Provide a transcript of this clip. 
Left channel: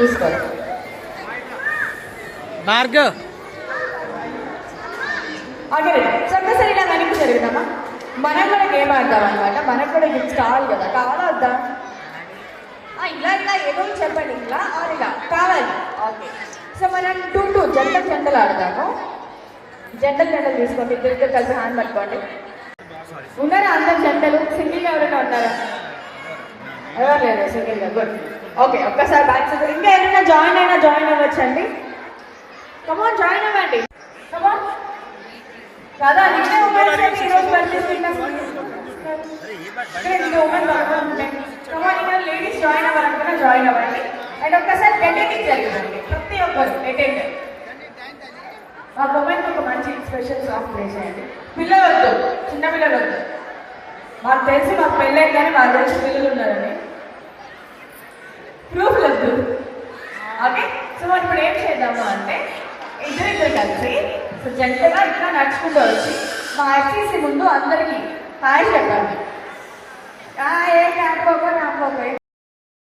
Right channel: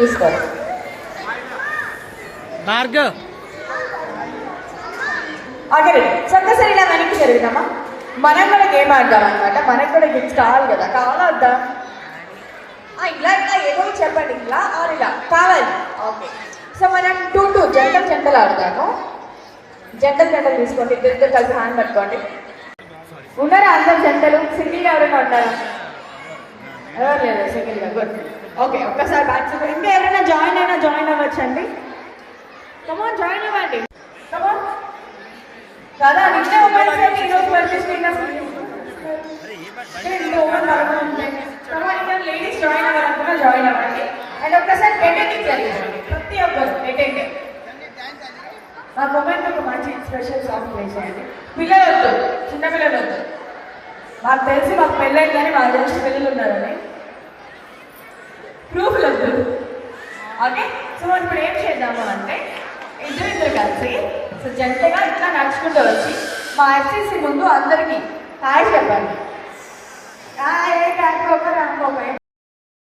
తీసుకోవాలి. భార్గవ్ ఆగిరే ఒక్కసారి ఇలా వెనక్కి జరిగినామా. మనం కూడా గేమ్ ఆడదాం అనమాట. మనకు కూడా గిఫ్ట్స్ కావాలి కదా, కావాలా ఇలా ఇలా ఏదో చెప్పండి, ఇలా ఆర్ ఇలా కావాలి. ఓకే, సో మనం 2 జంటలు ఆడతాము. జంటలు తీసుకోండి, ఇద్దరు కలిసి హ్యాండ్ పట్టుకోండి. ఉన్నారా అందరు జంటలు? సింగిల్గా ఎవరైనా ఉంటారా? ఎవరు లేదు సింగిల్గా. గుడ్. ఓకే, ఒక్కసారి బ్యాక్ సైడ్. ఇంకా ఏమైనా జాయిన్ అవ్వచ్చండి. కమాన్ జాయిన్ అవ్వండి. కమాన్ కదా. నిన్నే మొబైల్స్ అయితే ఈరోజు పర్చేస్ లేడీస్ జాయిన్ అవ్వాలనుకున్నా జాయిన్ అవ్వండి. అండ్ ఒక్కసారి అటెండింగ్ జరిగిందండి. ప్రతి ఒక్కరు అటెండ్ ఆ మొమెంట్ ఒక మంచి స్పెషల్ సాంగ్ ప్లే చేయండి. పిల్లలు వద్దు, చిన్న పిల్లలు వద్దు. మాకు తెలుసు మాకు పెళ్ళైంది కానీ మా తెలిసి పిల్లలు ఉన్నారని ప్రూఫ్లు వద్దు. ఓకే, సో మనం ఇప్పుడు ఏం చేద్దాము అంటే ఇద్దరు కలిసి సో జంటగా ఇట్లా నడుచుకుంటూ వచ్చి మా ఎస్సీసీ ముందు అందరికీ హాయ్ చెప్పండి.